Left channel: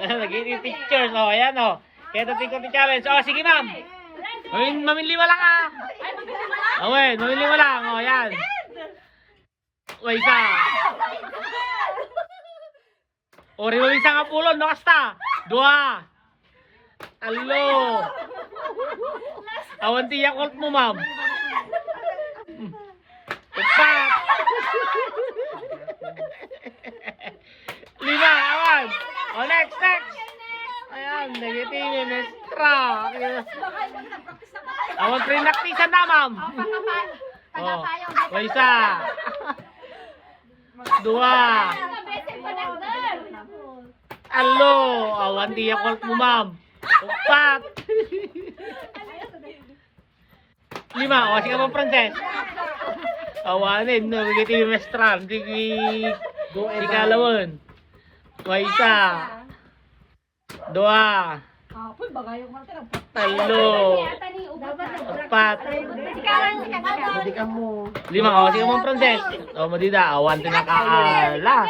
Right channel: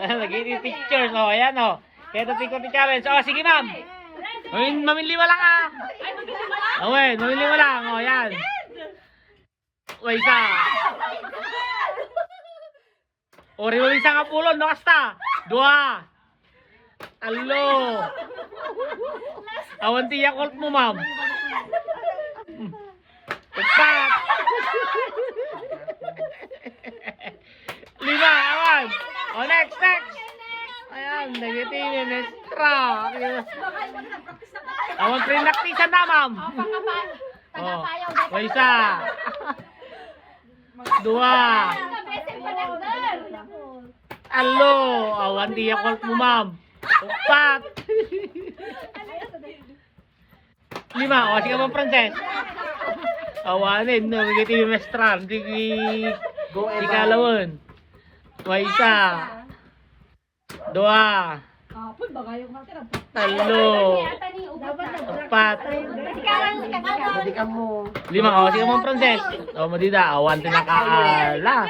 Nag-i-pictures. O, ayan o. Kaya ito tingko ni challenge. O, sige ma'am. Mamili mo lang ah. Awen, mamili mo lang. O, ayan. O, isa. O, rin isa nga pulon. Nakasta. Dua. Alo. Awan tiyak ult mo, ma'am. Empat. Lima, awan. O, next. Ayan, negative, mestra. Awan, pre-naktisan na, ma'am. O, isa. Dua. Alo, awan tiyak ult mo, ma'am. Empat. Lima, o sige mo, Frances. Awanin, no, negative, mestra. Hindi kalawin. O, isa. Dua. Talo. Empat. Lima, o sige mo, Frances. O, madida, awan tinakaala.